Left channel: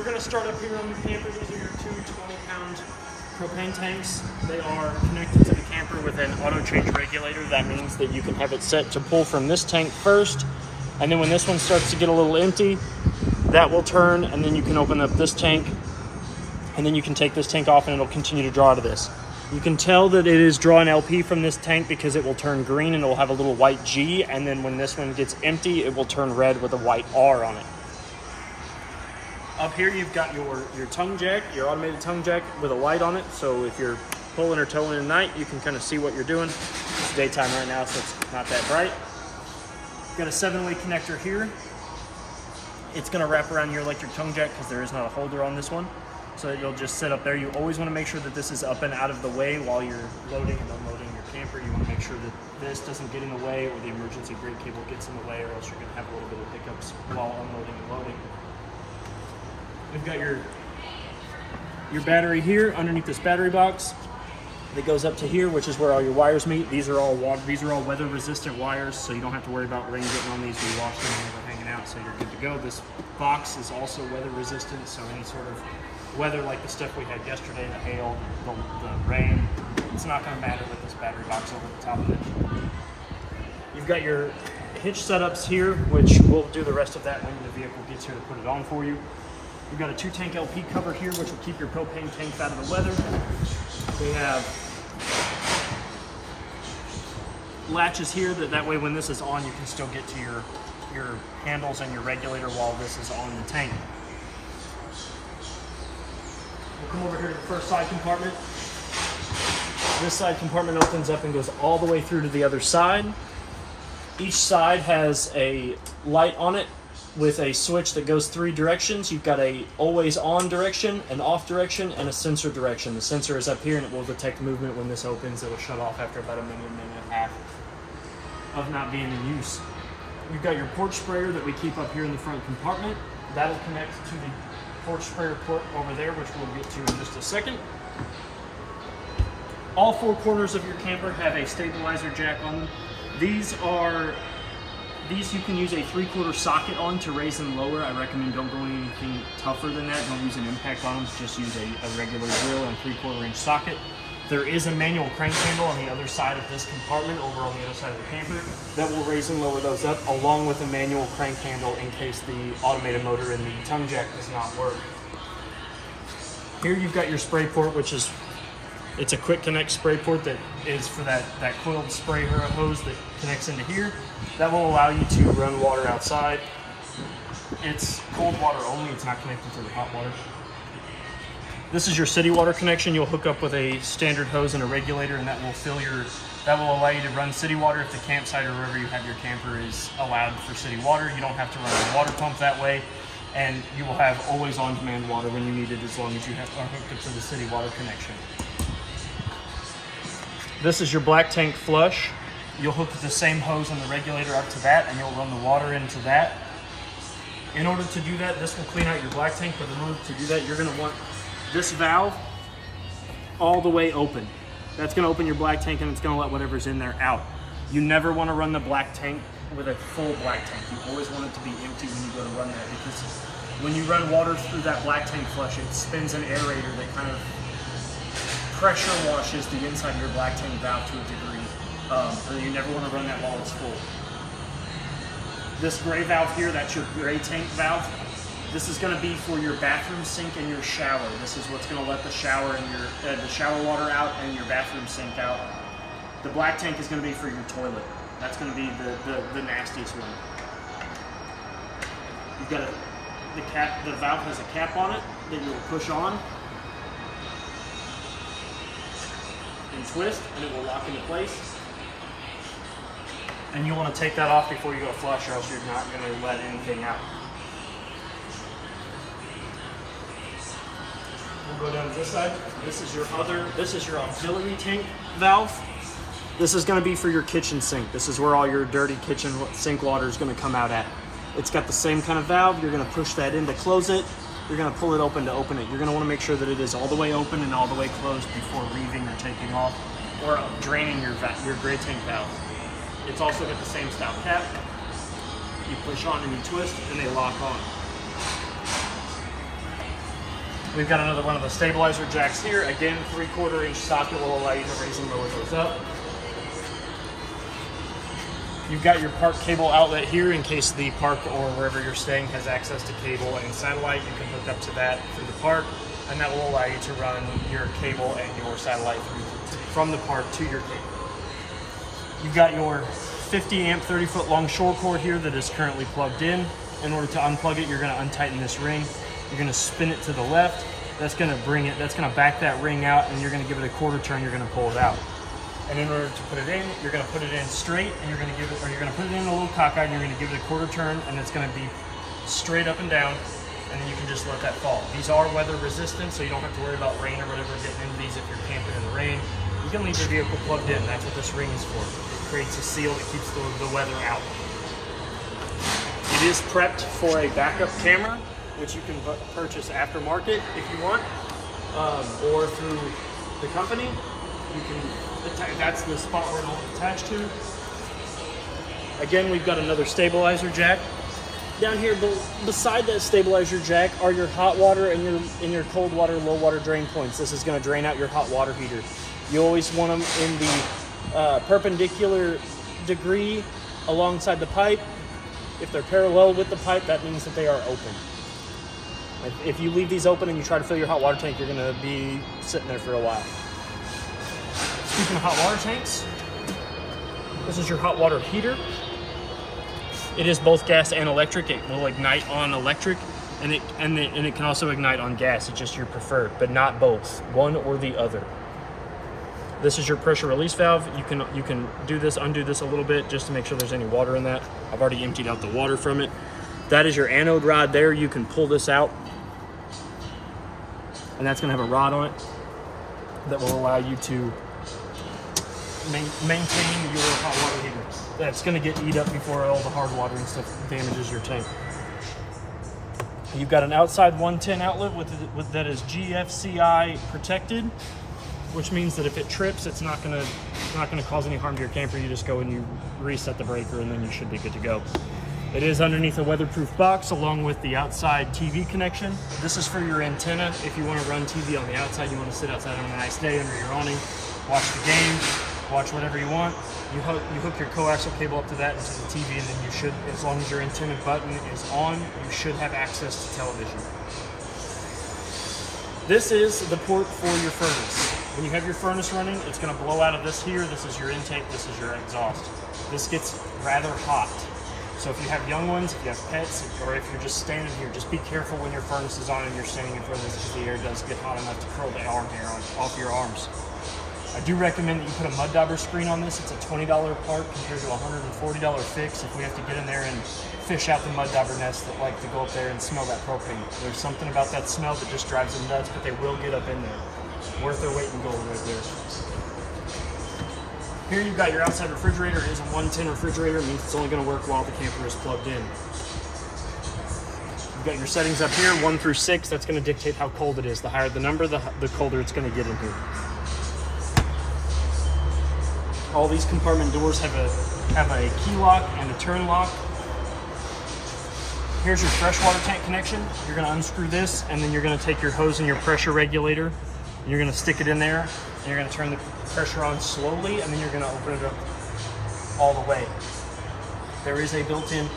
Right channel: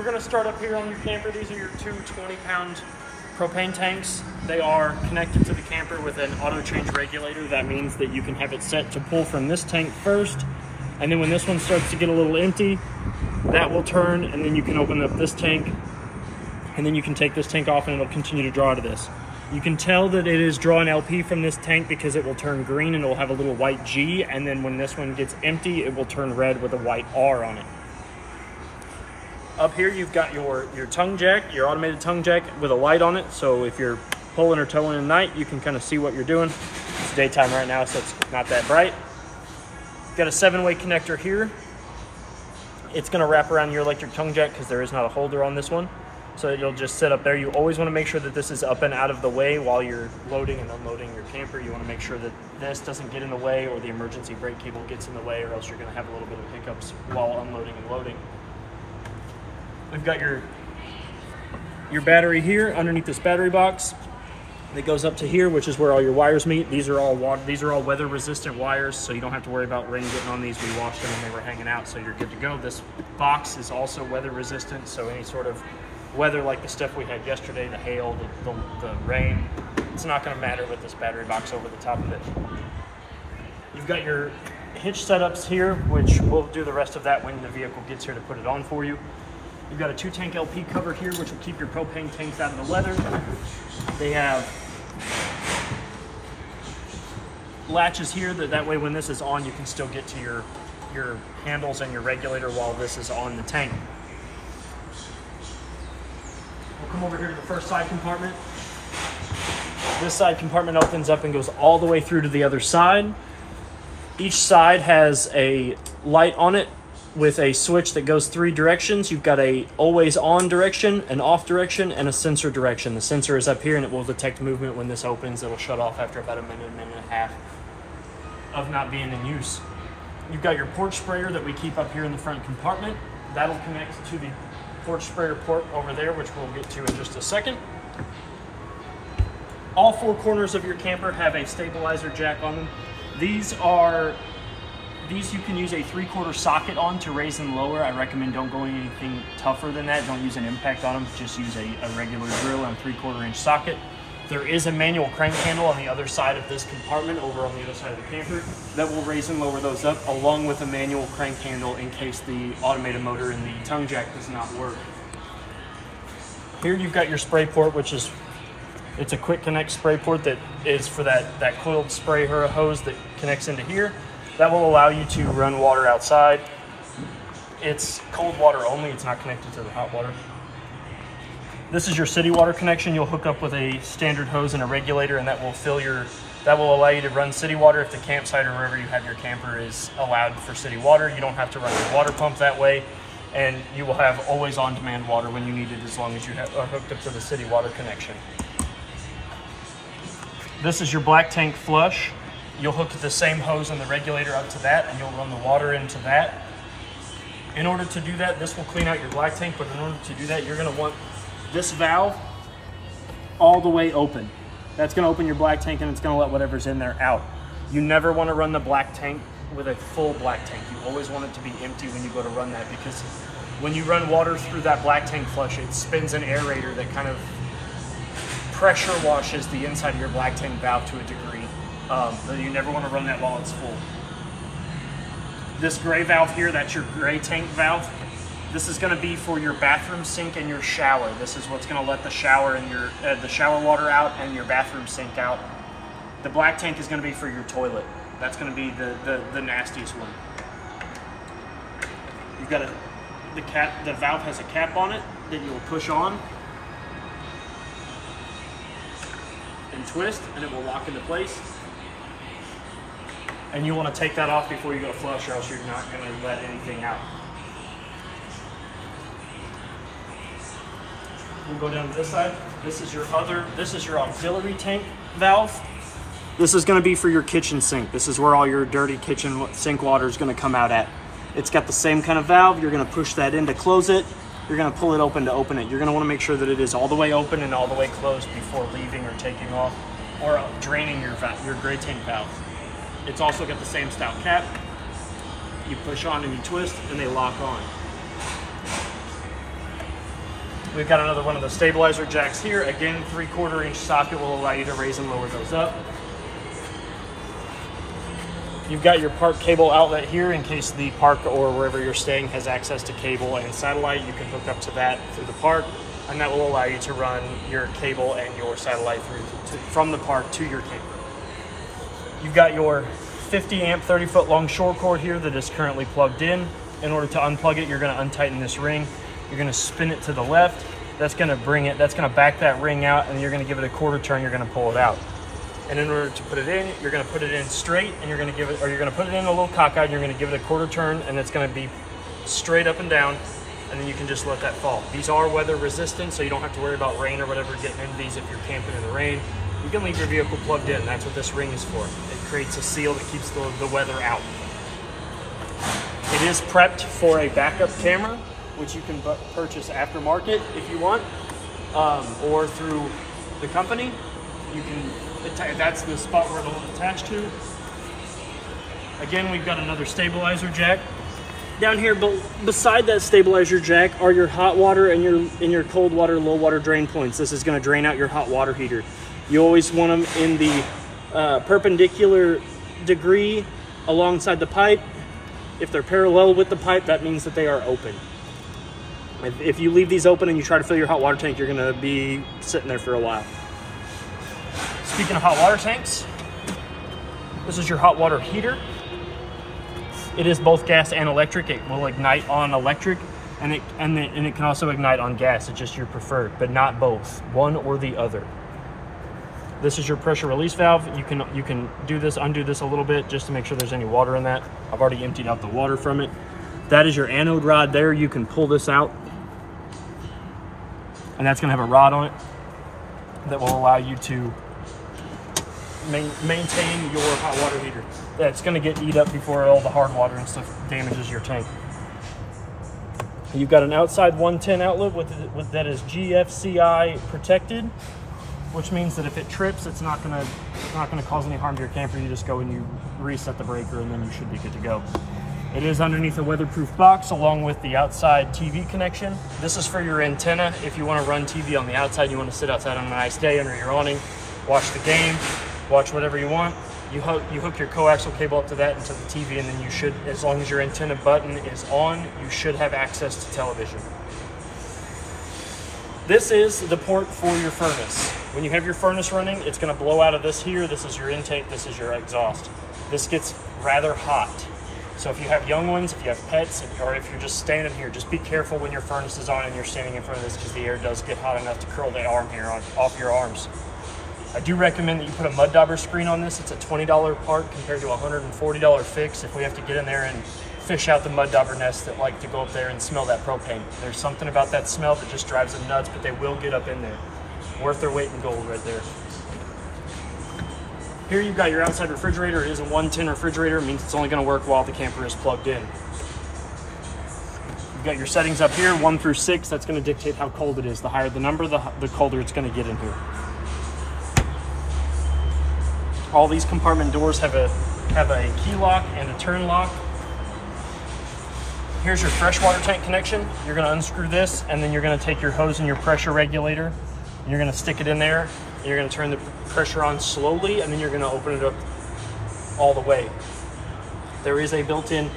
We're gonna start up here on your camper. These are your two 20-pound propane tanks. They are connected to the camper with an auto change regulator. That means that you can have it set to pull from this tank first, and then when this one starts to get a little empty, that will turn, and then you can open up this tank, and then you can take this tank off and it'll continue to draw to this. You can tell that it is drawing LP from this tank because it will turn green and it will have a little white G, and then when this one gets empty, it will turn red with a white R on it. Up here, you've got your tongue jack, your automated tongue jack with a light on it. So if you're pulling or towing at night, you can kind of see what you're doing. It's daytime right now, so it's not that bright. You've got a 7-way connector here. It's gonna wrap around your electric tongue jack because there is not a holder on this one. So you'll just sit up there. You always wanna make sure that this is up and out of the way while you're loading and unloading your camper. You wanna make sure that this doesn't get in the way or the emergency brake cable gets in the way, or else you're gonna have a little bit of hiccups while unloading and loading. We've got your battery here underneath this battery box that goes up to here, which is where all your wires meet. These are all weather resistant wires, so you don't have to worry about rain getting on these. We washed them and they were hanging out, so you're good to go. This box is also weather resistant, so any sort of weather like the stuff we had yesterday, the hail, the rain, it's not going to matter with this battery box over the top of it. You've got your hitch setups here, which we'll do the rest of that when the vehicle gets here to put it on for you. You've got a 2-tank LP cover here, which will keep your propane tanks out of the weather. They have latches here that way when this is on, you can still get to your handles and your regulator while this is on the tank. We'll come over here to the first side compartment. This side compartment opens up and goes all the way through to the other side. Each side has a light on it with a switch that goes 3 directions. You've got a always on direction, an off direction, and a sensor direction. The sensor is up here and it will detect movement when this opens. It'll shut off after about a minute and a half of not being in use. You've got your porch sprayer that we keep up here in the front compartment. That'll connect to the porch sprayer port over there, which we'll get to in just a second. All 4 corners of your camper have a stabilizer jack on them. These you can use a 3/4 socket on to raise and lower. I recommend don't go anything tougher than that. Don't use an impact on them. Just use a regular drill and 3/4 inch socket. There is a manual crank handle on the other side of this compartment, over on the other side of the camper, that will raise and lower those up, along with a manual crank handle in case the automated motor in the tongue jack does not work. Here you've got your spray port, it's a quick connect spray port that is for that coiled spray hose that connects into here. That will allow you to run water outside. It's cold water only, it's not connected to the hot water. This is your city water connection. You'll hook up with a standard hose and a regulator, and that will allow you to run city water if the campsite or wherever you have your camper is allowed for city water. You don't have to run a water pump that way, and you will have always on-demand water when you need it, as long as you are hooked up to the city water connection. This is your black tank flush. You'll hook the same hose and the regulator up to that, and you'll run the water into that. In order to do that, this will clean out your black tank, but in order to do that, you're gonna want this valve all the way open. That's gonna open your black tank, and it's gonna let whatever's in there out. You never wanna run the black tank with a full black tank. You always want it to be empty when you go to run that, because when you run water through that black tank flush, it spins an aerator that kind of pressure washes the inside of your black tank valve to a degree. So you never want to run that while it's full. This gray valve here, that's your gray tank valve. This is going to be for your bathroom sink and your shower. This is what's going to let the shower and the shower water out and your bathroom sink out. The black tank is going to be for your toilet. That's going to be the nastiest one. You've got the valve has a cap on it that you'll push on and twist, and it will lock into place. And you want to take that off before you go to flush, or else you're not going to let anything out. We'll go down to this side. This is your auxiliary tank valve. This is going to be for your kitchen sink. This is where all your dirty kitchen sink water is going to come out at. It's got the same kind of valve. You're going to push that in to close it. You're going to pull it open to open it. You're going to want to make sure that it is all the way open and all the way closed before leaving or taking off or draining your gray tank valve. It's also got the same style cap. You push on and you twist, and they lock on. We've got another one of the stabilizer jacks here. Again, 3/4 inch socket will allow you to raise and lower those up. You've got your park cable outlet here in case the park or wherever you're staying has access to cable and satellite. You can hook up to that through the park, and that will allow you to run your cable and your satellite from the park to your camper. You've got your 50 amp 30-foot long shore cord here that is currently plugged in. In order to unplug it, you're going to untighten this ring. You're going to spin it to the left. That's going to back that ring out, and you're going to give it a quarter turn. You're going to pull it out. And in order to put it in, you're going to put it in straight, and you're going to put it in a little cockeyed, and you're going to give it a quarter turn, and it's going to be straight up and down, and then you can just let that fall. These are weather resistant, so you don't have to worry about rain or whatever getting into these if you're camping in the rain. You can leave your vehicle plugged in. That's what this ring is for. It creates a seal that keeps the weather out. It is prepped for a backup camera, which you can purchase aftermarket if you want, or through the company. You can, that's the spot where it'll attach to. Again, we've got another stabilizer jack. Down here, beside that stabilizer jack are your hot water and your cold water, low water drain points. This is going to drain out your hot water heater. You always want them in the perpendicular degree alongside the pipe. If they're parallel with the pipe, that means that they are open. If you leave these open and you try to fill your hot water tank, you're going to be sitting there for a while. Speaking of hot water tanks, this is your hot water heater. It is both gas and electric. It will ignite on electric, and it can also ignite on gas. It's just your preferred, but not both, one or the other. This is your pressure release valve. You can undo this a little bit just to make sure there's any water in that. I've already emptied out the water from it. That is your anode rod there. You can pull this out, and that's gonna have a rod on it that will allow you to maintain your hot water heater. That's going to get eat up before all the hard water and stuff damages your tank. You've got an outside 110 outlet that is GFCI protected, which means that if it trips, it's not going to cause any harm to your camper. You just go and you reset the breaker, and then you should be good to go. It is underneath a weatherproof box along with the outside TV connection. This is for your antenna. If you want to run TV on the outside, you want to sit outside on a nice day under your awning, watch the game, watch whatever you want. You hook your coaxial cable up to that into the TV, and then you should, as long as your antenna button is on, you should have access to television. This is the port for your furnace. When you have your furnace running, it's going to blow out of this here. This is your intake, this is your exhaust. This gets rather hot. So if you have young ones, if you have pets, or if you're just standing here, just be careful when your furnace is on and you're standing in front of this, because the air does get hot enough to curl the arm hair off your arms. I do recommend that you put a mud dauber screen on this. It's a $20 part compared to a $140 fix if we have to get in there and fish out the mud dauber nests that like to go up there and smell that propane. There's something about that smell that just drives them nuts, but they will get up in there. Worth their weight in gold right there. Here you've got your outside refrigerator. It is a 110 refrigerator. It means it's only going to work while the camper is plugged in. You've got your settings up here, 1 through 6. That's going to dictate how cold it is. The higher the number, the colder it's going to get in here. All these compartment doors have a key lock and a turn lock. Here's your freshwater tank connection. You're going to unscrew this, and then you're going to take your hose and your pressure regulator, and you're going to stick it in there, and you're going to turn the pressure on slowly, and then you're going to open it up all the way. There is a built-in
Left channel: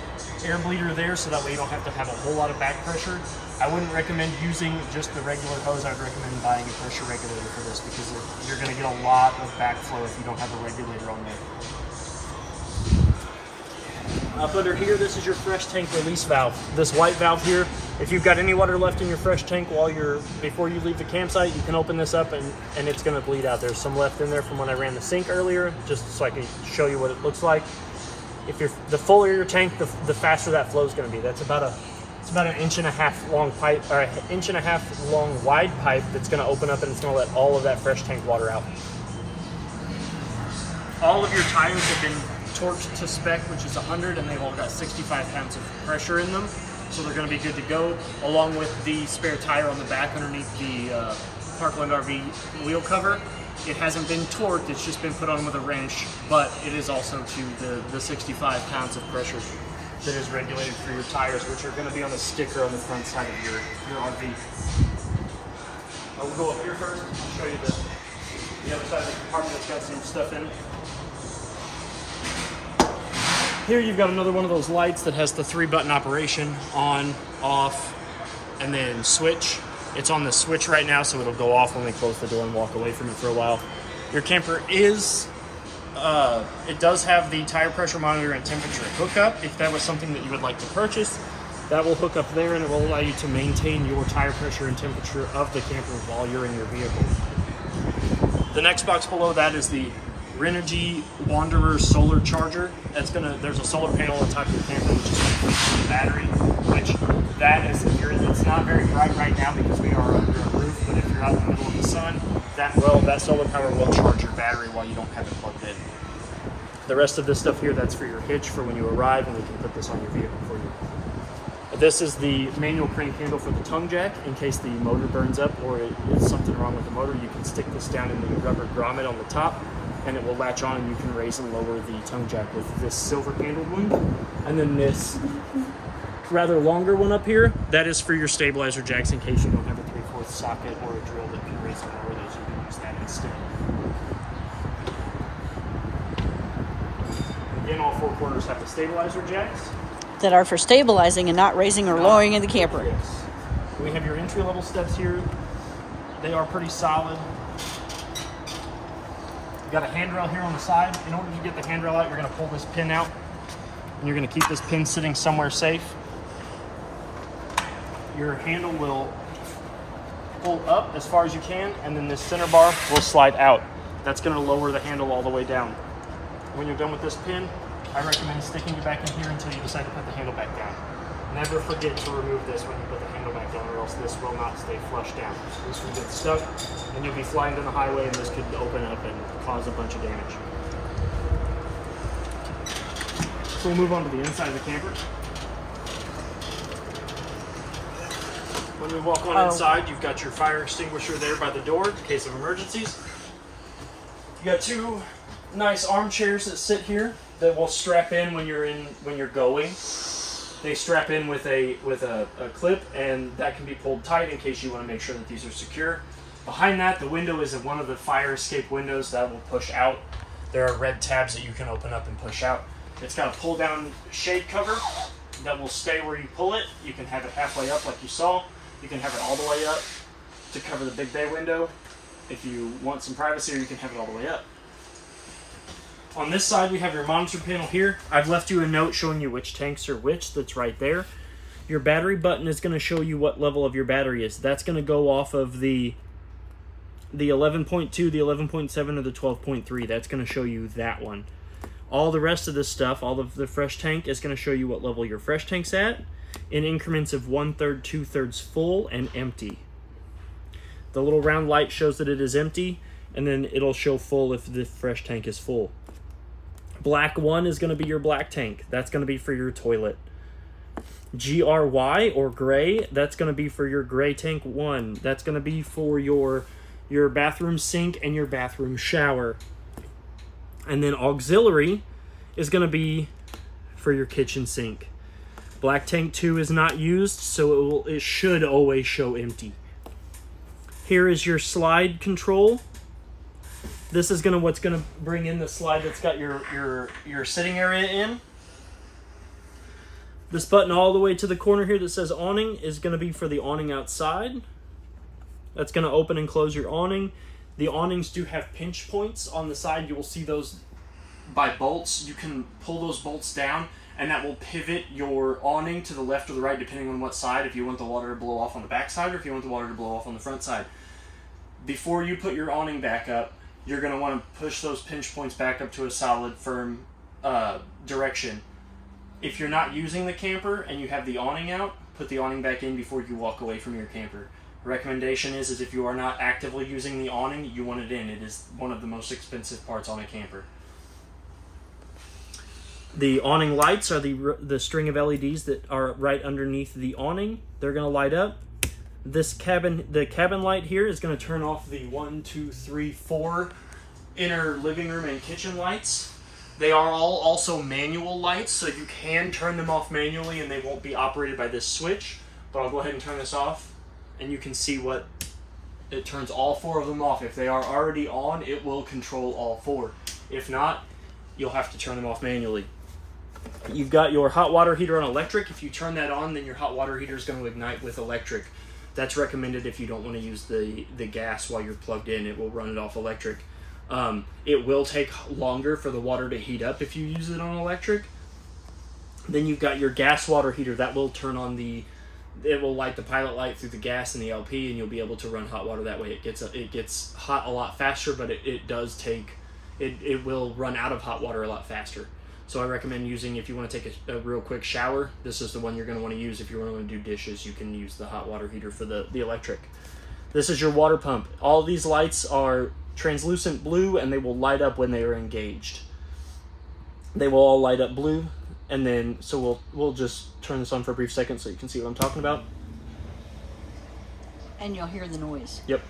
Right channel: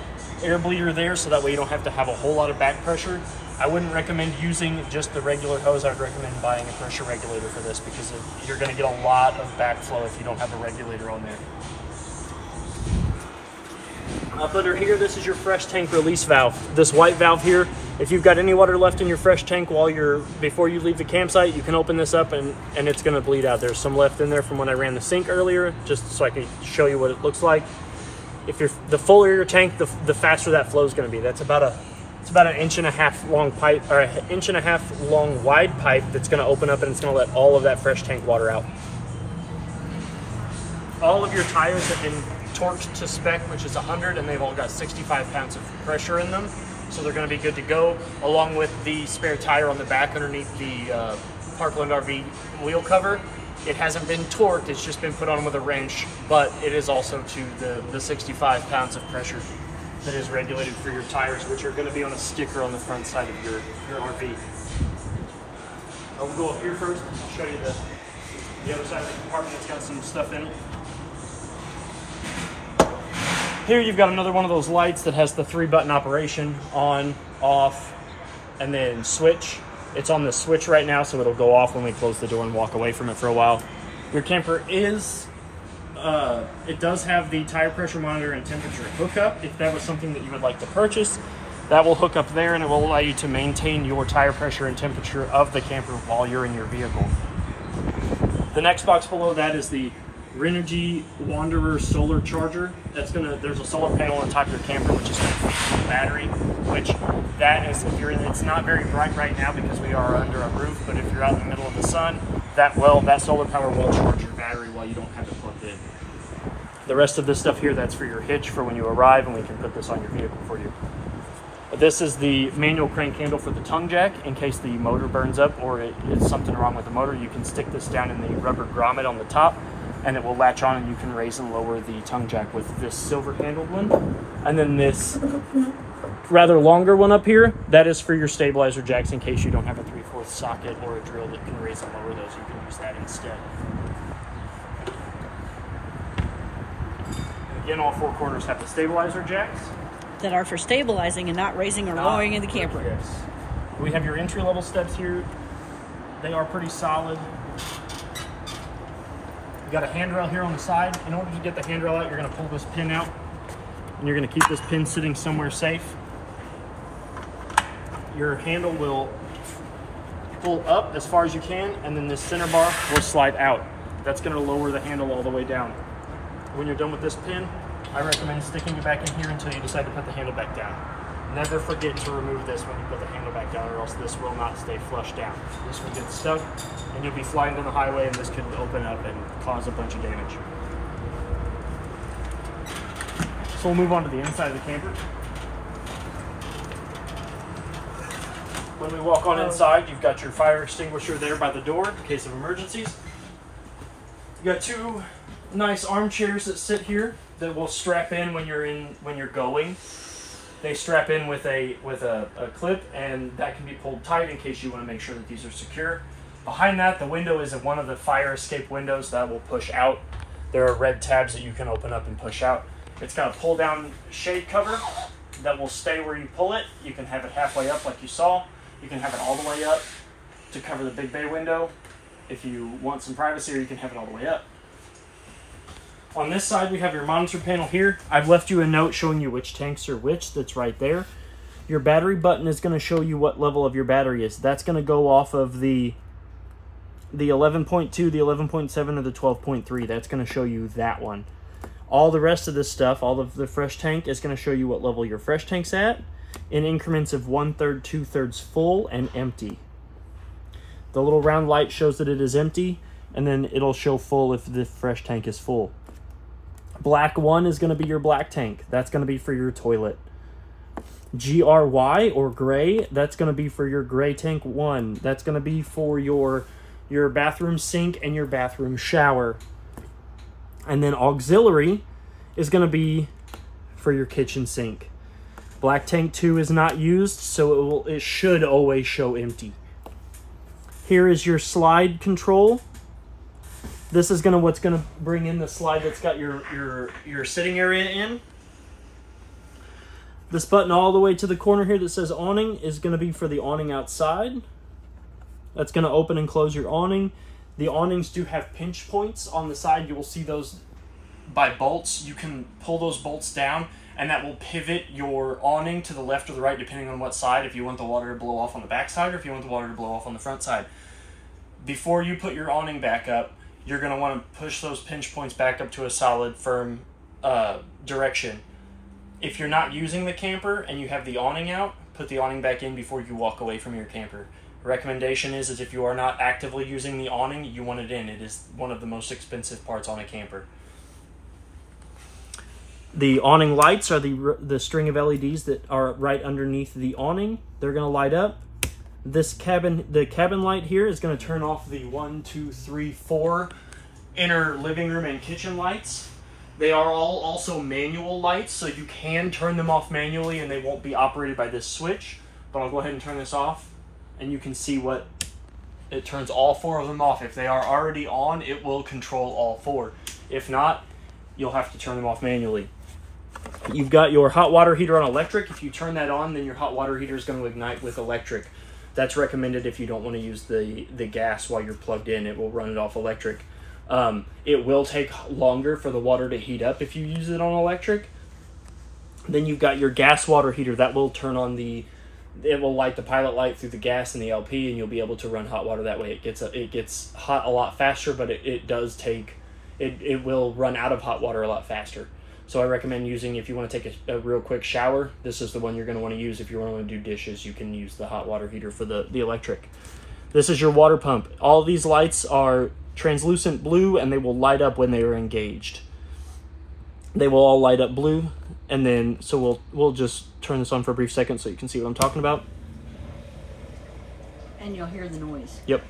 air bleeder there, so that way you don't have to have a whole lot of back pressure. I wouldn't recommend using just the regular hose. I'd recommend buying a pressure regulator for this, because you're going to get a lot of backflow if you don't have a regulator on there. Up under here, this is your fresh tank release valve. This white valve here, if you've got any water left in your fresh tank before you leave the campsite, you can open this up and it's going to bleed out. There's some left in there from when I ran the sink earlier, just so I can show you what it looks like. The fuller your tank, the faster that flow is going to be. It's about an 1.5 inch long pipe, or an 1.5 inch long wide pipe that's going to open up, and it's going to let all of that fresh tank water out. All of your tires have been torqued to spec, which is 100, and they've all got 65 pounds of pressure in them, so they're going to be good to go, along with the spare tire on the back underneath the Parkland RV wheel cover. It hasn't been torqued, it's just been put on with a wrench, but it is also to the 65 pounds of pressure that is regulated for your tires, which are going to be on a sticker on the front side of your RV. I'll go up here first. I'll show you the other side of the compartment. It's got some stuff in it. Here you've got another one of those lights that has the 3-button operation: on, off, and then switch. It's on the switch right now, so it'll go off when we close the door and walk away from it for a while. Your camper is, it does have the tire pressure monitor and temperature hookup. If that was something that you would like to purchase, that will hook up there and it will allow you to maintain your tire pressure and temperature of the camper while you're in your vehicle. The next box below that is the Renogy Wanderer solar charger. There's a solar panel on top of your camper, which is going to feed the battery, which that is, if you're in, it's not very bright right now because we are under a roof, but if you're out in the middle of the sun, that solar power will charge your battery while you don't have it plugged in. The rest of this stuff here, that's for your hitch for when you arrive, and we can put this on your vehicle for you. This is the manual crank handle for the tongue jack. In case the motor burns up or it's something wrong with the motor, you can stick this down in the rubber grommet on the top and it will latch on, and you can raise and lower the tongue jack with this silver handled one. And then this rather longer one up here, that is for your stabilizer jacks in case you don't have a 3/4 socket or a drill that can raise and lower those. You can use that instead. Again, all 4 corners have the stabilizer jacks that are for stabilizing and not raising or lowering in the camper. Yes. We have your entry-level steps here. They are pretty solid. You got a handrail here on the side. In order to get the handrail out, you're going to pull this pin out, and you're going to keep this pin sitting somewhere safe. Your handle will pull up as far as you can, and then this center bar will slide out. That's going to lower the handle all the way down. When you're done with this pin, I recommend sticking it back in here until you decide to put the handle back down. Never forget to remove this when you put the handle back down, or else this will not stay flush down. This will get stuck and you'll be flying down the highway, and this could open up and cause a bunch of damage. So we'll move on to the inside of the camper. When we walk on inside, you've got your fire extinguisher there by the door in case of emergencies. You got 2 nice armchairs that sit here that will strap in when you're going. They strap in with a clip, and that can be pulled tight in case you want to make sure that these are secure. Behind that, the window is one of the fire escape windows that will push out. There are red tabs that you can open up and push out. It's got a pull down shade cover that will stay where you pull it. You can have it halfway up like you saw. You can have it all the way up to cover the big bay window. If you want some privacy, or you can have it all the way up. On this side, we have your monitor panel here. I've left you a note showing you which tanks are which. That's right there. Your battery button is going to show you what level of your battery is. That's going to go off of the 11.2, the 11.7, or the 12.3. That's going to show you that one. All the rest of this stuff, all of the fresh tank, is going to show you what level your fresh tank's at in increments of 1/3, 2/3 full, and empty. The little round light shows that it is empty, and then it'll show full if the fresh tank is full. Black 1 is going to be your black tank. That's going to be for your toilet. GRY, or gray, that's going to be for your gray tank 1. That's going to be for your bathroom sink and your bathroom shower. And then auxiliary is going to be for your kitchen sink. Black tank 2 is not used, so it should always show empty. Here is your slide control. This is what's gonna bring in the slide that's got your sitting area in. This button all the way to the corner here that says awning is gonna be for the awning outside. That's gonna open and close your awning. The awnings do have pinch points on the side. You will see those by bolts. You can pull those bolts down, and that will pivot your awning to the left or the right depending on what side, if you want the water to blow off on the back side or if you want the water to blow off on the front side. Before you put your awning back up, you're going to want to push those pinch points back up to a solid, firm direction. If you're not using the camper and you have the awning out, put the awning back in before you walk away from your camper. The recommendation is if you are not actively using the awning, you want it in. It is one of the most expensive parts on a camper. The awning lights are the string of LEDs that are right underneath the awning. They're going to light up. The cabin light here is going to turn off the 1, 2, 3, 4 inner living room and kitchen lights. They are all also manual lights, so you can turn them off manually and they won't be operated by this switch. But I'll go ahead and turn this off, and you can see what it turns all 4 of them off. If they are already on, it will control all 4. If not, you'll have to turn them off manually. You've got your hot water heater on electric. If you turn that on, then your hot water heater is going to ignite with electric. That's recommended if you don't want to use the gas while you're plugged in. It will run it off electric. It will take longer for the water to heat up if you use it on electric. Then you've got your gas water heater. That will turn on it will light the pilot light through the gas and the LP, and you'll be able to run hot water that way. It gets hot a lot faster, but it does take, it will run out of hot water a lot faster. So I recommend using, if you want to take a real quick shower, this is the one you're going to want to use. If you want to do dishes, you can use the hot water heater for the electric. This is your water pump. All these lights are translucent blue, and they will light up when they are engaged. They will all light up blue, and then, so we'll just turn this on for a brief second so you can see what I'm talking about. And you'll hear the noise. Yep.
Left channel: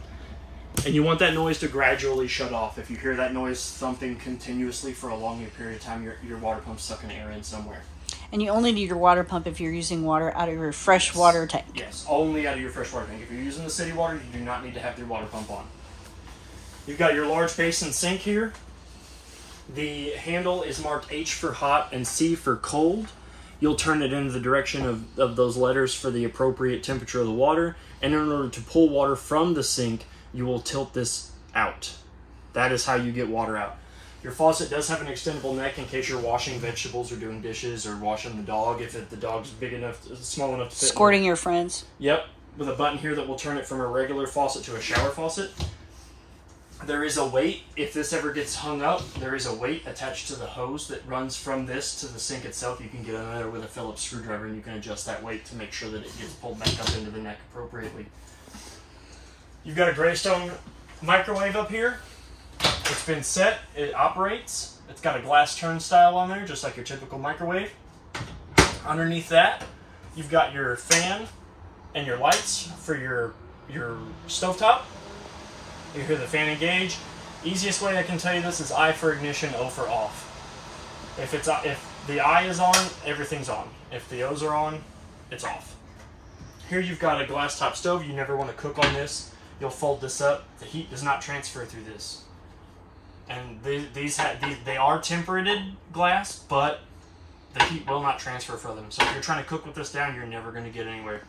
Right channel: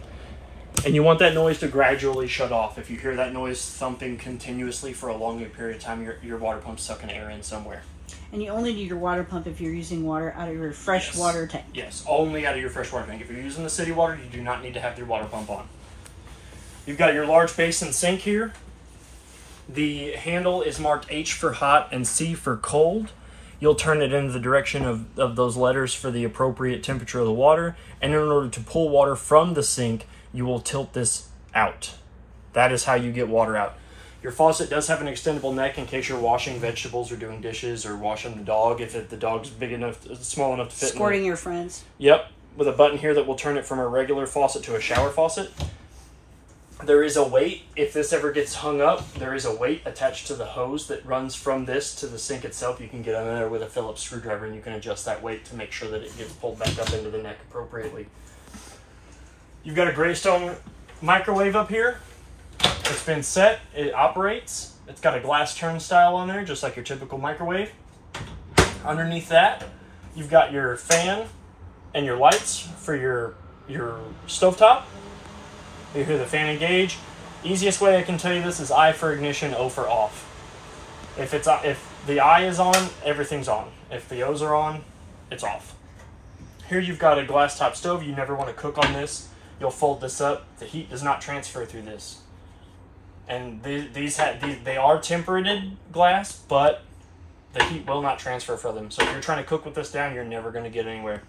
And you want that noise to gradually shut off. If you hear that noise thumping continuously for a long period of time, your water pump's sucking air in somewhere. And you only need your water pump if you're using water out of your fresh water tank. Yes, only out of your fresh water tank. If you're using the city water, you do not need to have your water pump on. You've got your large basin sink here. The handle is marked H for hot and C for cold. You'll turn it in the direction of those letters for the appropriate temperature of the water. And in order to pull water from the sink, you will tilt this out. That is how you get water out. Your faucet does have an extendable neck in case you're washing vegetables or doing dishes or washing the dog. If the dog's big enough, small enough to fit. Squirting your friends. Yep, with a button here that will turn it from a regular faucet to a shower faucet. There is a weight. If this ever gets hung up, there is a weight attached to the hose that runs from this to the sink itself. You can get on there with a Phillips screwdriver and you can adjust that weight to make sure that it gets pulled back up into the neck appropriately. You've got a Greystone microwave up here. It's been set. It operates. It's got a glass turnstile on there, just like your typical microwave. Underneath that, you've got your fan and your lights for your stovetop. You hear the fan engage. Easiest way I can tell you this is I for ignition, O for off. If the I is on, everything's on. If the O's are on, it's off. Here you've got a glass top stove. You never want to cook on this. You'll fold this up. The heat does not transfer through this. And they are temperated glass, but the heat will not transfer from them. So if you're trying to cook with this down, you're never going to get anywhere.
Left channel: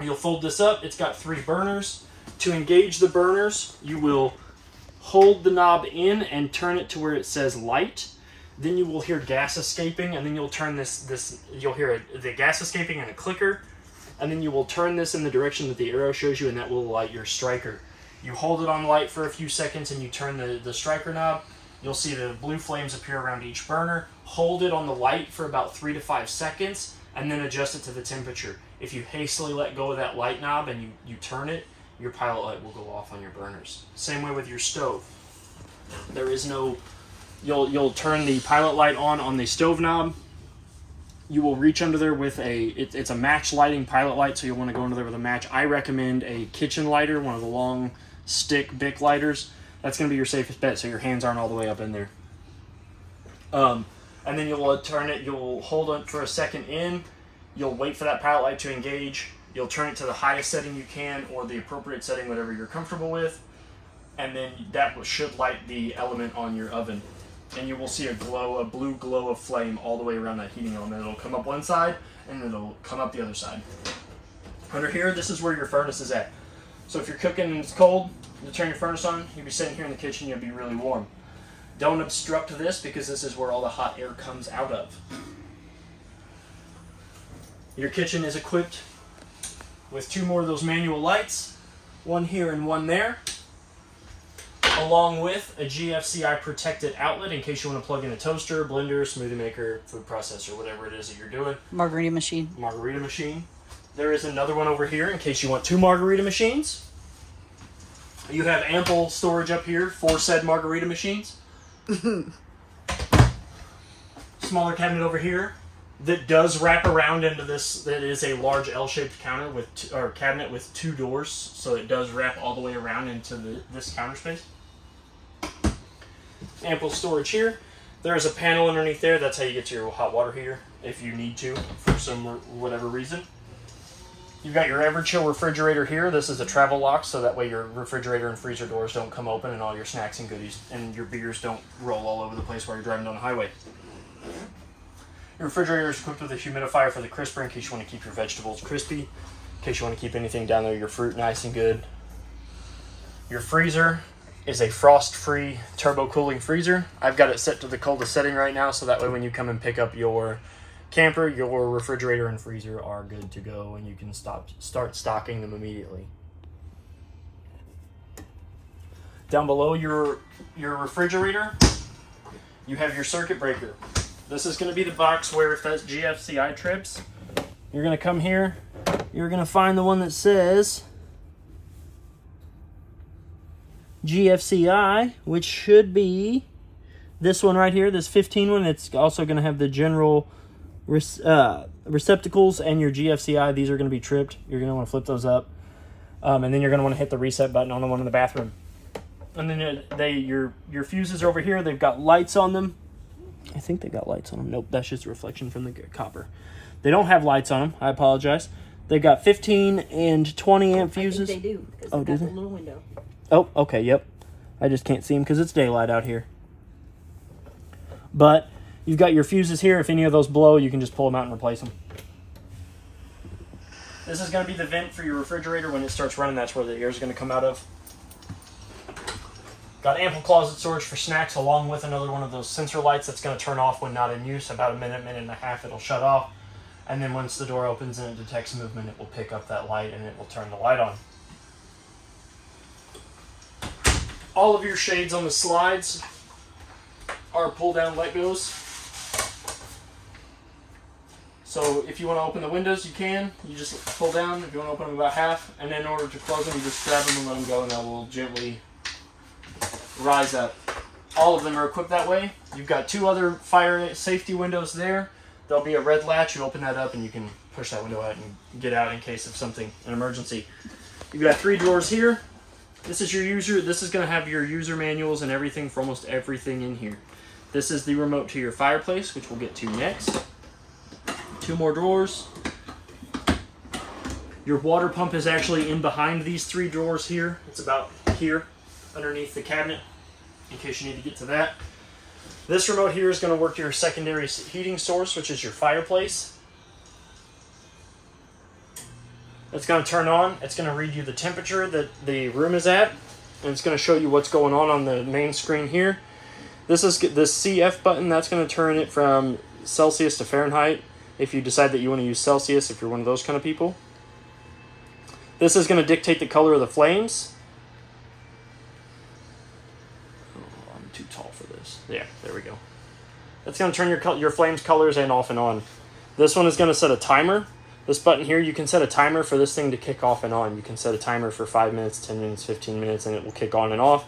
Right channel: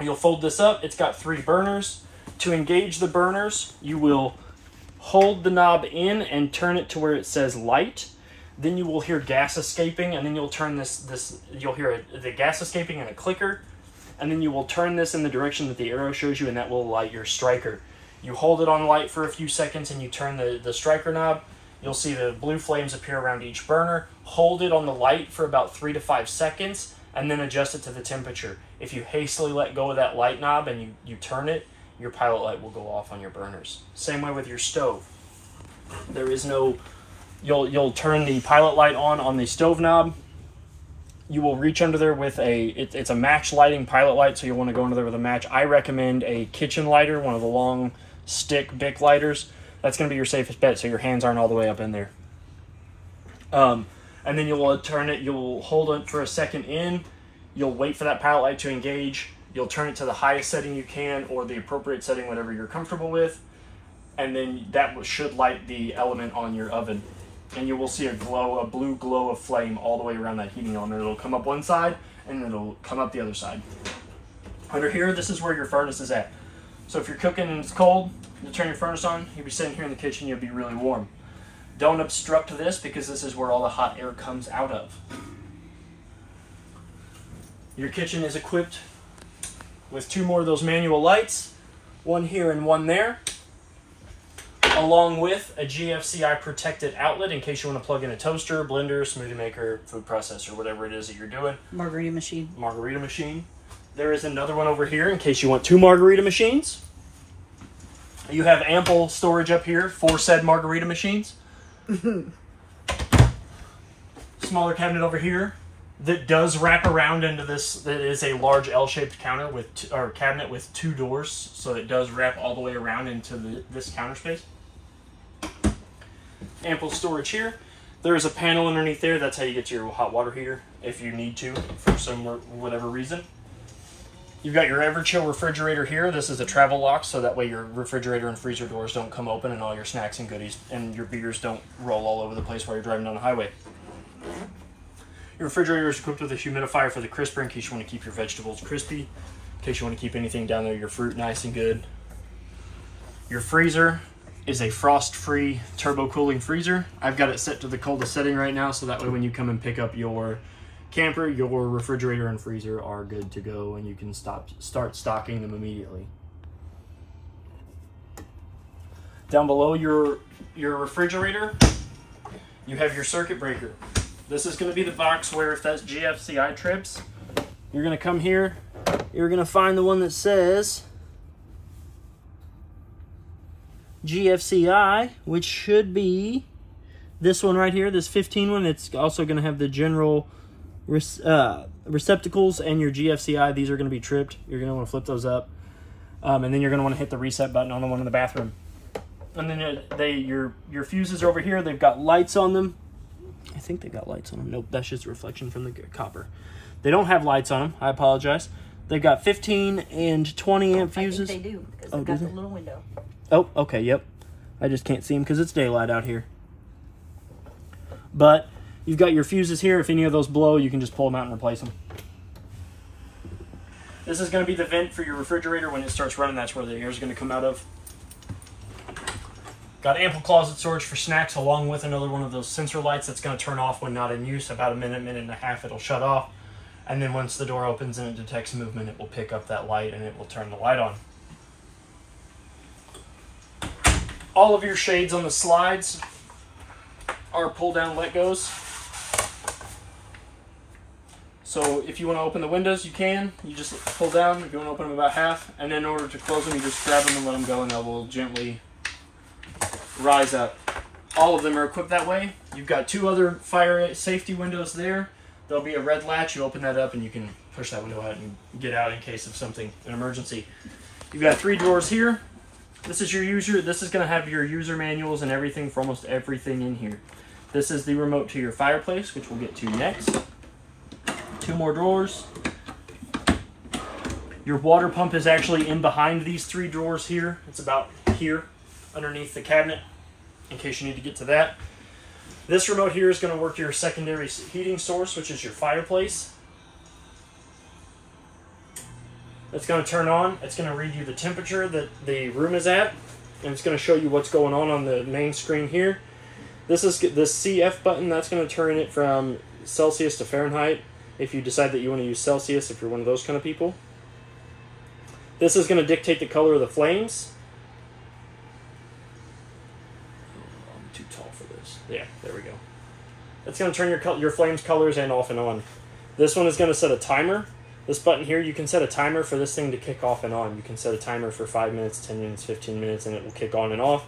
You'll fold this up. It's got 3 burners. To engage the burners, you will hold the knob in and turn it to where it says light. Then you will hear gas escaping, and then you'll turn you'll hear the gas escaping and a clicker, and then you will turn this in the direction that the arrow shows you, and that will light your striker. You hold it on light for a few seconds, and you turn the striker knob. You'll see the blue flames appear around each burner. Hold it on the light for about 3 to 5 seconds, and then adjust it to the temperature. If you hastily let go of that light knob and you turn it, your pilot light will go off on your burners. Same way with your stove. There is no, you'll turn the pilot light on the stove knob. You will reach under there with it's a match lighting pilot light, so you'll want to go under there with a match. I recommend a kitchen lighter, one of the long stick Bic lighters. That's going to be your safest bet, so your hands aren't all the way up in there. And then you'll turn it, you'll hold it for a second in, you'll wait for that pilot light to engage. You'll turn it to the highest setting you can, or the appropriate setting, whatever you're comfortable with, and then that should light the element on your oven. And you will see a blue glow of flame all the way around that heating element. It'll come up one side, and it'll come up the other side. Under here, this is where your furnace is at. So if you're cooking and it's cold, you turn your furnace on, you'll be sitting here in the kitchen, you'll be really warm. Don't obstruct this, because this is where all the hot air comes out of. Your kitchen is equipped with 2 more of those manual lights, one here and one there, along with a GFCI protected outlet in case you want to plug in a toaster, blender, smoothie maker, food processor, whatever it is that you're doing. Margarita machine. Margarita machine. There is another one over here in case you want 2 margarita machines. You have ample storage up here for said margarita machines. Smaller cabinet over here that does wrap around into this. That is a large L-shaped cabinet with 2 doors, so it does wrap all the way around into this counter space. Ample storage here. There is a panel underneath there. That's how you get to your hot water heater if you need to for some whatever reason. You've got your Everchill refrigerator here. This is a travel lock, so that way your refrigerator and freezer doors don't come open and all your snacks and goodies and your beers don't roll all over the place while you're driving down the highway. Your refrigerator is equipped with a humidifier for the crisper in case you want to keep your vegetables crispy, in case you want to keep anything down there, your fruit nice and good. Your freezer is a frost-free turbo cooling freezer. I've got it set to the coldest setting right now, so that way when you come and pick up your camper, your refrigerator and freezer are good to go and you can start stocking them immediately. Down below your refrigerator, you have your circuit breaker. This is going to be the box where if that GFCI trips, you're going to come here, you're going to find the one that says GFCI, which should be this one right here, this 15 one. It's also going to have the general receptacles and your GFCI. These are going to be tripped. You're going to want to flip those up. And then you're going to want to hit the reset button on the one in the bathroom. And then your fuses are over here. They've got lights on them. I think they got lights on them. Nope, that's just a reflection from the copper. They don't have lights on them. I apologize. They've got 15 and 20 amp fuses. I think they do. Oh, do they? A little window. Oh, okay, yep. I just can't see them because it's daylight out here. But you've got your fuses here. If any of those blow, you can just pull them out and replace them. This is going to be the vent for your refrigerator. When it starts running, that's where the air is going to come out of. Got ample closet storage for snacks, along with another one of those sensor lights that's going to turn off when not in use. About a minute, minute and a half, it'll shut off. And then once the door opens and it detects movement, it will pick up that light and it will turn the light on. All of your shades on the slides are pull down let goes. So if you want to open the windows, you can. You just pull down. If you want to open them about half, and then in order to close them, you just grab them and let them go, and they will gently rise up. All of them are equipped that way. You've got two other fire safety windows there. There'll be a red latch. You open that up, and you can push that window out and get out in case of something, an emergency. You've got 3 drawers here. This is your user. This is going to have your user manuals and everything for almost everything in here. This is the remote to your fireplace, which we'll get to next. 2 more drawers. Your water pump is actually in behind these 3 drawers here. It's about here underneath the cabinet in case you need to get to that. This remote here is going to work your secondary heating source, which is your fireplace. It's going to turn on. It's going to read you the temperature that the room is at, and it's going to show you what's going on the main screen here. This is the CF button. That's going to turn it from Celsius to Fahrenheit if you decide that you want to use Celsius, if you're one of those kind of people. This is going to dictate the color of the flames. I'm too tall for this. Yeah, there we go. It's going to turn your flames colors and off and on. This one is going to set a timer. This button here, you can set a timer for this thing to kick off and on. You can set a timer for 5 minutes, 10 minutes, 15 minutes, and it will kick on and off.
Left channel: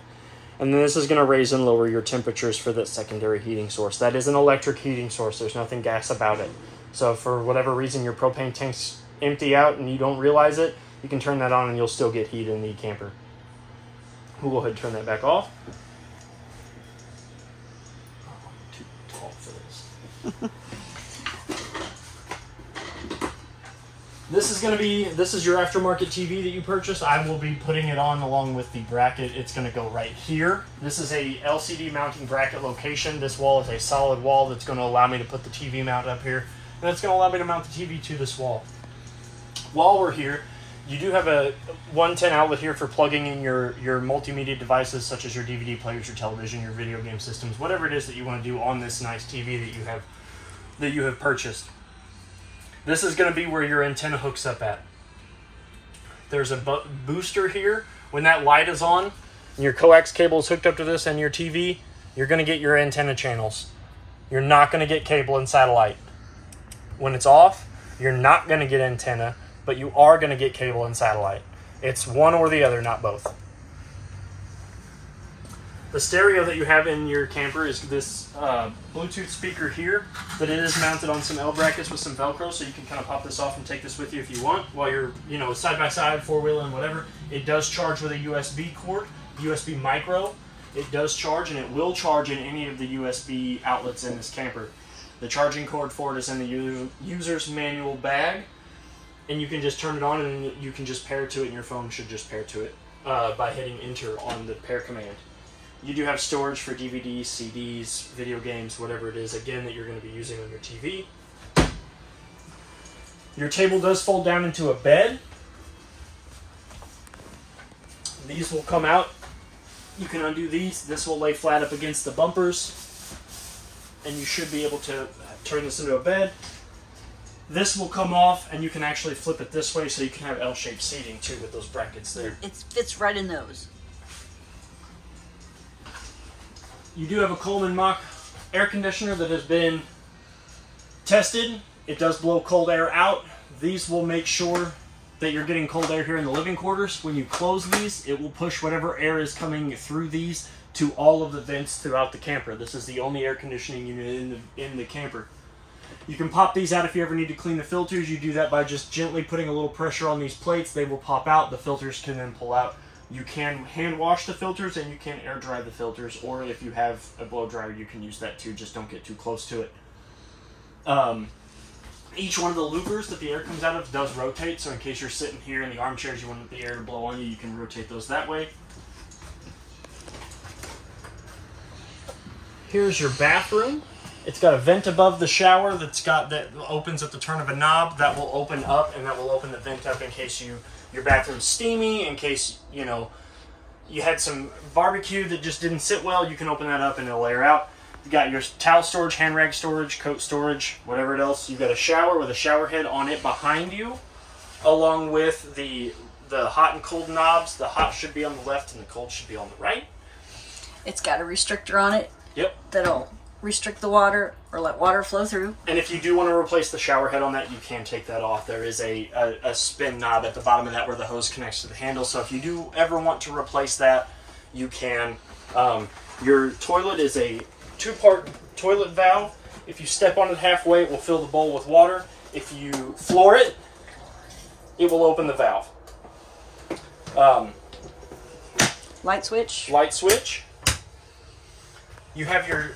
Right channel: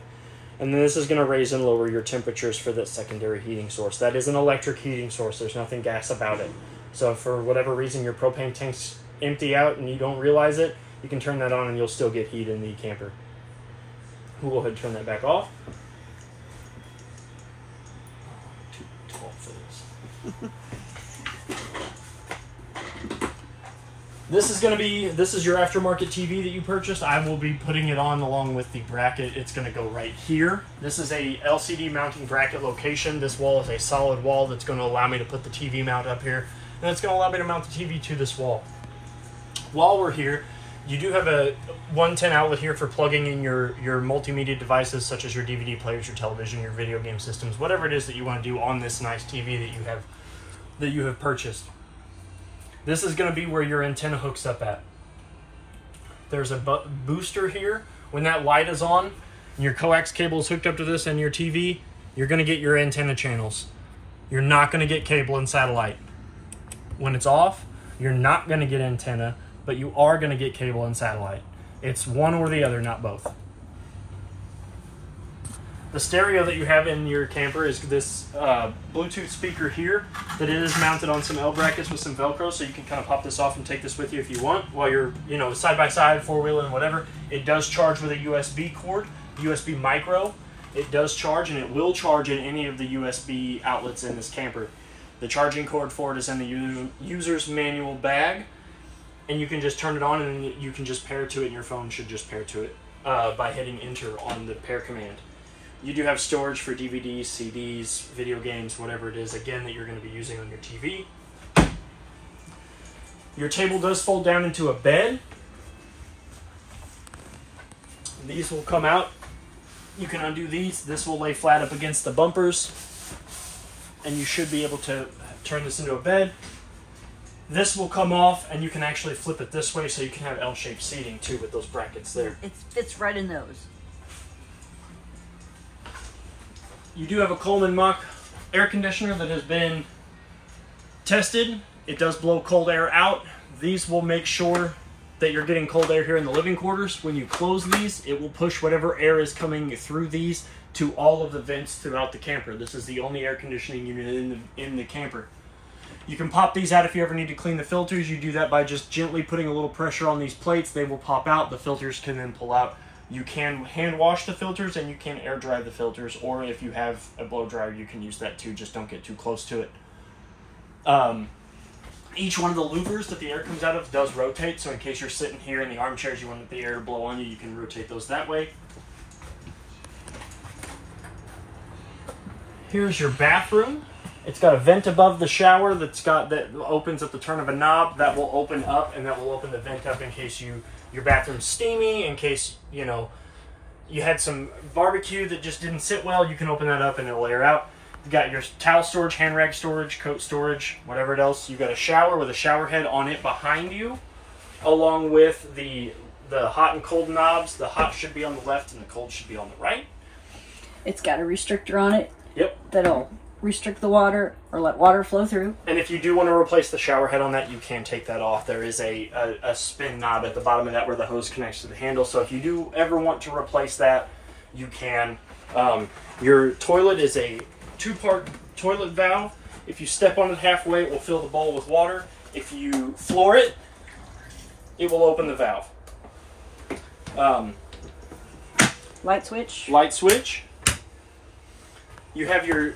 And then this is going to raise and lower your temperatures for that secondary heating source. That is an electric heating source. There's nothing gas about it. So for whatever reason your propane tank's empty out and you don't realize it, you can turn that on and you'll still get heat in the camper. We'll go ahead and turn that back off. I'm too tall for this. This is your aftermarket TV that you purchased. I will be putting it on along with the bracket. It's going to go right here. This is a LCD mounting bracket location. This wall is a solid wall that's going to allow me to put the TV mount up here. And it's going to allow me to mount the TV to this wall. While we're here, you do have a 110 outlet here for plugging in your multimedia devices, such as your DVD players, your television, your video game systems, whatever it is that you want to do on this nice TV that you have purchased. This is going to be where your antenna hooks up at. There's a booster here. When that light is on and your coax cable is hooked up to this and your TV, you're going to get your antenna channels. You're not going to get cable and satellite. When it's off, you're not going to get antenna, but you are going to get cable and satellite. It's one or the other, not both. The stereo that you have in your camper is this Bluetooth speaker here that it is mounted on some L brackets with some Velcro, so you can kind of pop this off and take this with you if you want while you're, side by side, four-wheeling, whatever. It does charge with a USB cord, USB micro. It does charge, and it will charge in any of the USB outlets in this camper. The charging cord for it is in the user's manual bag. and you can just turn it on, and you can just pair to it, and your phone should just pair to it by hitting enter on the pair command. You do have storage for DVDs, CDs, video games, whatever it is, again, that you're going to be using on your TV. Your table does fold down into a bed. These will come out. You can undo these. This will lay flat up against the bumpers, and you should be able to turn this into a bed. This will come off, and you can actually flip it this way, so you can have L-shaped seating too with those brackets there. It fits right in those. You do have a Coleman Mach air conditioner that has been tested. It does blow cold air out. These will make sure that you're getting cold air here in the living quarters. When you close these, it will push whatever air is coming through these to all of the vents throughout the camper. This is the only air conditioning unit in the camper. You can pop these out if you ever need to clean the filters. You do that by just gently putting a little pressure on these plates. They will pop out. The filters can then pull out. You can hand wash the filters, and you can air dry the filters, or if you have a blow dryer, you can use that too. Just don't get too close to it. Each one of the louvers that the air comes out of does rotate, so in case you're sitting here in the armchairs, you want the air to blow on you, you can rotate those that way. Here's your bathroom. It's got a vent above the shower that opens at the turn of a knob. That will open up, and that will open the vent up in case your bathroom's steamy, in case, you know, you had some barbecue that just didn't sit well. You can open that up and it'll air out. You got your towel storage, hand rag storage, coat storage, whatever else. You got a shower with a shower head on it behind you, along with the hot and cold knobs. The hot should be on the left and the cold should be on the right. It's got a restrictor on it. Yep. That'll restrict the water or let water flow through. And if you do want to replace the shower head on that, you can take that off. There is a spin knob at the bottom of that where the hose connects to the handle. So if you do ever want to replace that, you can. Your toilet is a 2-part toilet valve. If you step on it halfway, it will fill the bowl with water. If you floor it, it will open the valve. Light switch. Light switch. You have your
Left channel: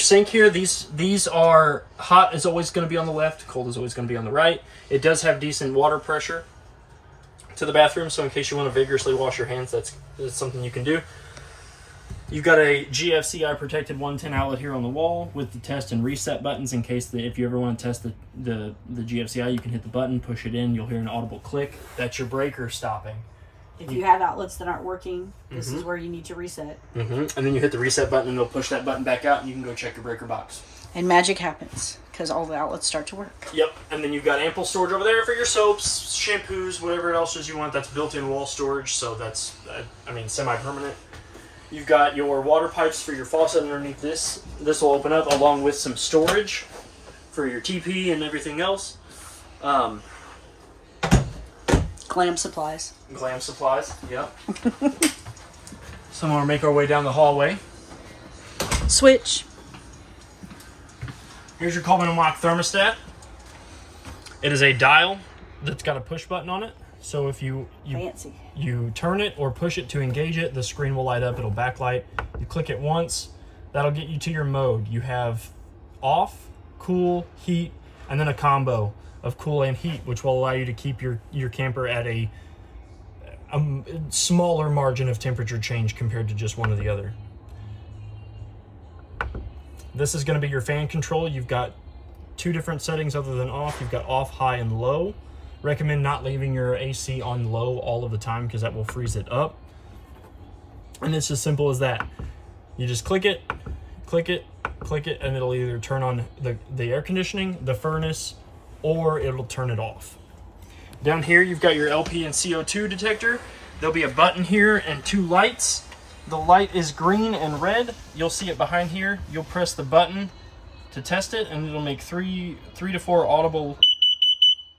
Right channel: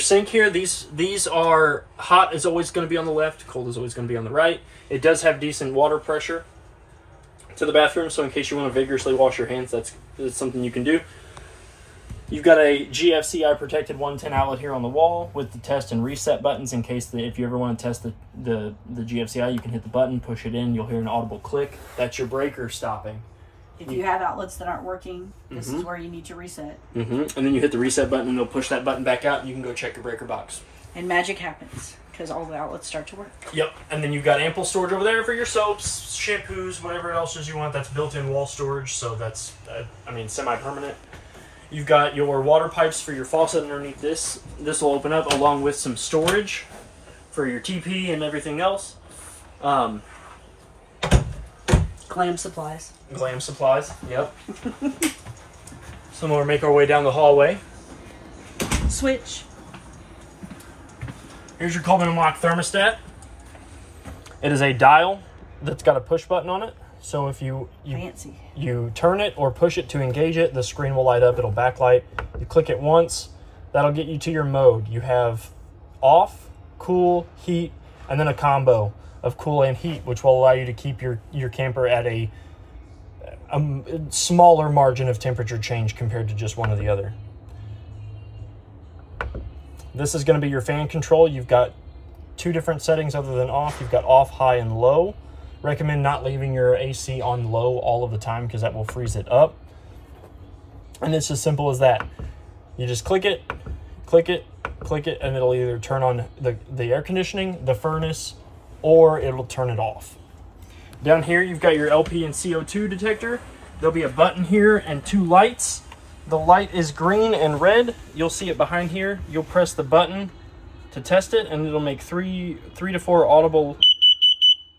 sink here. These are hot is always going to be on the left, cold is always going to be on the right. It does have decent water pressure to the bathroom, so in case you want to vigorously wash your hands, that's something you can do. You've got a GFCI protected 110 outlet here on the wall with the test and reset buttons in case if you ever want to test the GFCI, you can hit the button, push it in, you'll hear an audible click. That's your breaker stopping. If you have outlets that aren't working, this is where you need to reset. And then you hit the reset button, and they'll push that button back out, and you can go check your breaker box. And magic happens, because all the outlets start to work. Yep, and then you've got ample storage over there for your soaps, shampoos, whatever else you want. That's built-in wall storage, so that's, semi-permanent. You've got your water pipes for your faucet underneath this. This will open up along with some storage for your TP and everything else. Glam supplies. Glam supplies, yep. So we'll make our way down the hallway. Switch. Here's your Coleman & Mach thermostat. It is a dial that's got a push button on it. So if you turn it or push it to engage it, the screen will light up. It'll backlight. You click it once, that'll get you to your mode. You have off, cool, heat, and then a combo of cool and heat, which will allow you to keep your camper at a smaller margin of temperature change compared to just one or the other. This is going to be your fan control. You've got 2 different settings other than off. You've got off, high, and low. Recommend not leaving your AC on low all of the time because that will freeze it up. And it's as simple as that. You just click it, and it'll either turn on the air conditioning, the furnace, or it'll turn it off. Down here, you've got your LP and CO2 detector. There'll be a button here and 2 lights. The light is green and red. You'll see it behind here. You'll press the button to test it, and it'll make 3 to 4 audible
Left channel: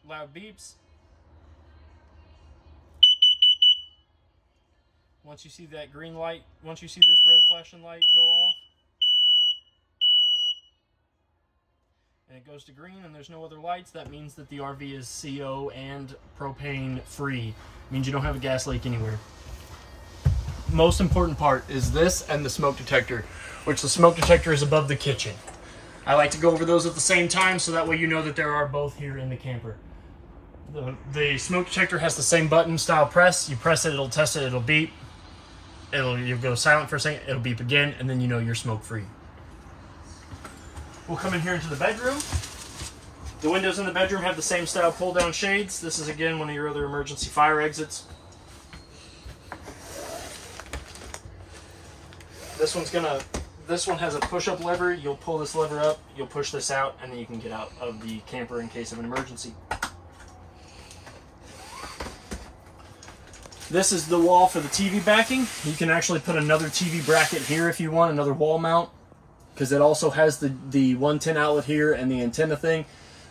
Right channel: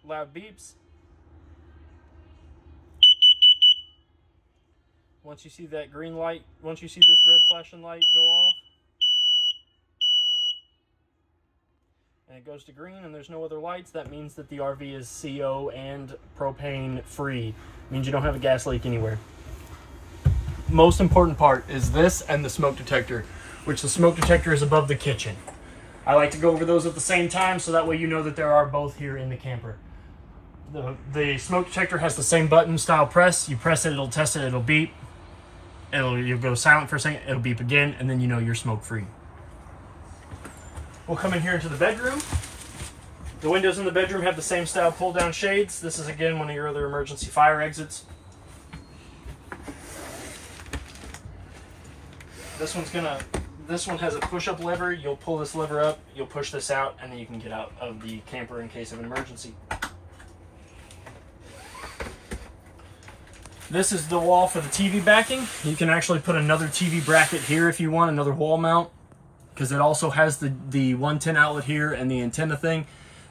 loud beeps. Once you see that green light, once you see this red flashing light go off, and it goes to green and there's no other lights, that means that the RV is CO and propane free. It means you don't have a gas leak anywhere. Most important part is this and the smoke detector, which the smoke detector is above the kitchen. I like to go over those at the same time so that way you know that there are both here in the camper. The smoke detector has the same button style press. You press it, it'll test it, it'll beep. You'll go silent for a second, it'll beep again, and then you know you're smoke free. We'll come in here into the bedroom. The windows in the bedroom have the same style pull down shades. This is again one of your other emergency fire exits. This one has a push-up lever. You'll pull this lever up, you'll push this out, and then you can get out of the camper in case of an emergency. This is the wall for the TV backing. You can actually put another TV bracket here if you want, another wall mount, because it also has the 110 outlet here and the antenna thing.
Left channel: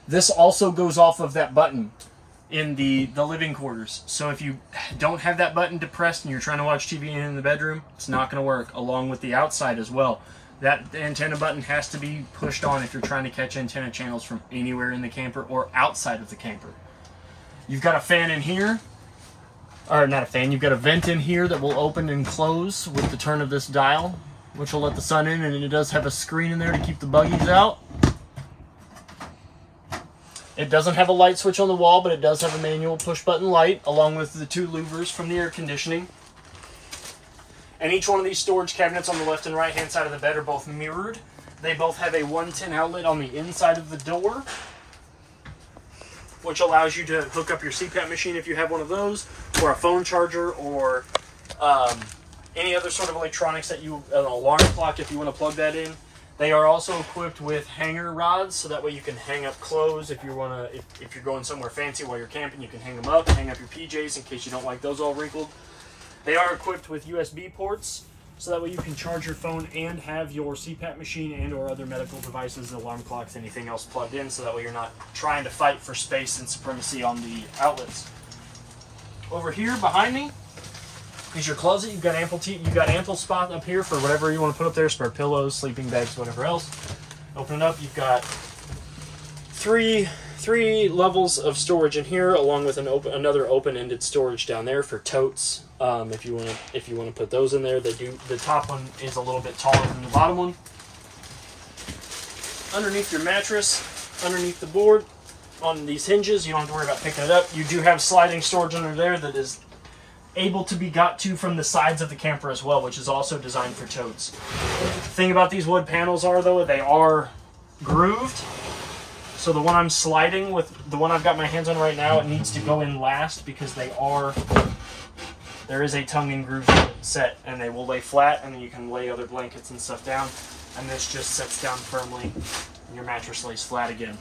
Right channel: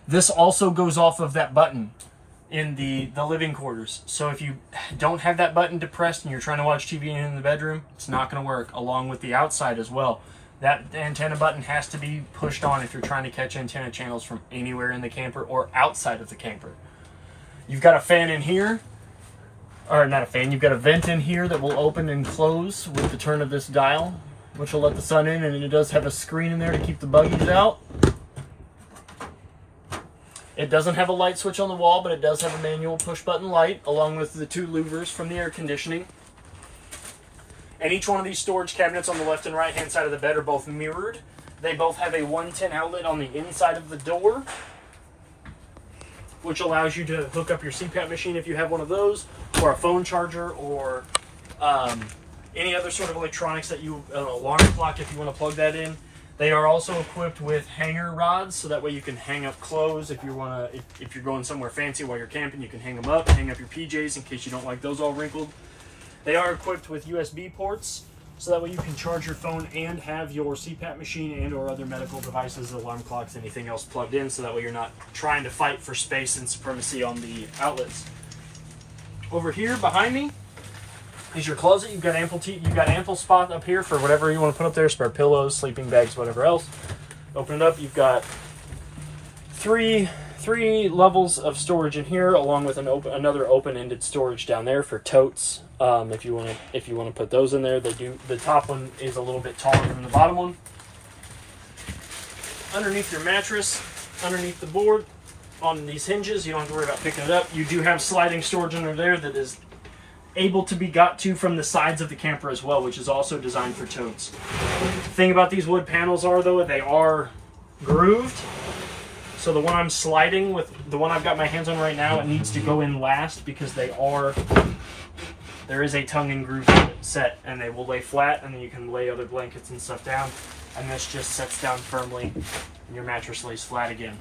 This also goes off of that button in the living quarters. So if you don't have that button depressed and you're trying to watch TV in the bedroom, it's not going to work, along with the outside as well. That antenna button has to be pushed on if you're trying to catch antenna channels from anywhere in the camper or outside of the camper. You've got a fan in here, or not a fan, you've got a vent in here that will open and close with the turn of this dial, which will let the sun in, and it does have a screen in there to keep the buggies out. It doesn't have a light switch on the wall, but it does have a manual push button light, along with the 2 louvers from the air conditioning. And each one of these storage cabinets on the left and right hand side of the bed are both mirrored. They both have a 110 outlet on the inside of the door, which allows you to hook up your CPAP machine if you have one of those, or a phone charger, or any other sort of electronics that you, an alarm clock if you want to plug that in. They are also equipped with hanger rods, so that way you can hang up clothes if you want to. If you're going somewhere fancy while you're camping, you can hang them up, hang up your PJs in case you don't like those all wrinkled. They are equipped with USB ports, so that way you can charge your phone and have your CPAP machine and or other medical devices, alarm clocks, anything else plugged in, so that way you're not trying to fight for space and supremacy on the outlets. Over here behind me is your closet. You've got ample spot up here for whatever you want to put up there, spare pillows, sleeping bags, whatever else. Open it up, you've got three levels of storage in here, along with another open-ended storage down there for totes. If you want to put those in there, the top one is a little bit taller than the bottom one. Underneath your mattress, underneath the board, on these hinges, you don't have to worry about picking it up. You do have sliding storage under there that is able to be got to from the sides of the camper as well, which is also designed for totes. The thing about these wood panels are, though, they are grooved. So the one I'm sliding with, the one I've got my hands on right now, it needs to go in last because there is a tongue and groove set, and they will lay flat, and then you can lay other blankets and stuff down, and this just sets down firmly, and your mattress lays flat again.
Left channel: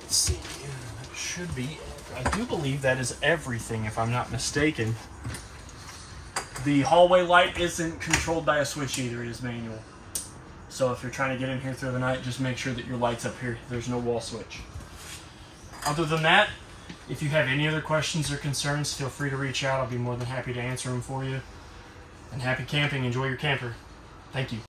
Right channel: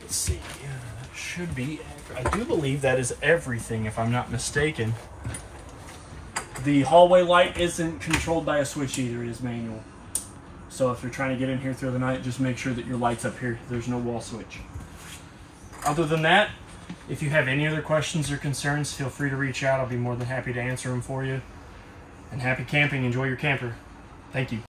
Let's see, that should be, I do believe that is everything, if I'm not mistaken. The hallway light isn't controlled by a switch either, it is manual. So if you're trying to get in here through the night, just make sure that your light's up here. There's no wall switch. Other than that, if you have any other questions or concerns, feel free to reach out. I'll be more than happy to answer them for you. And happy camping. Enjoy your camper. Thank you.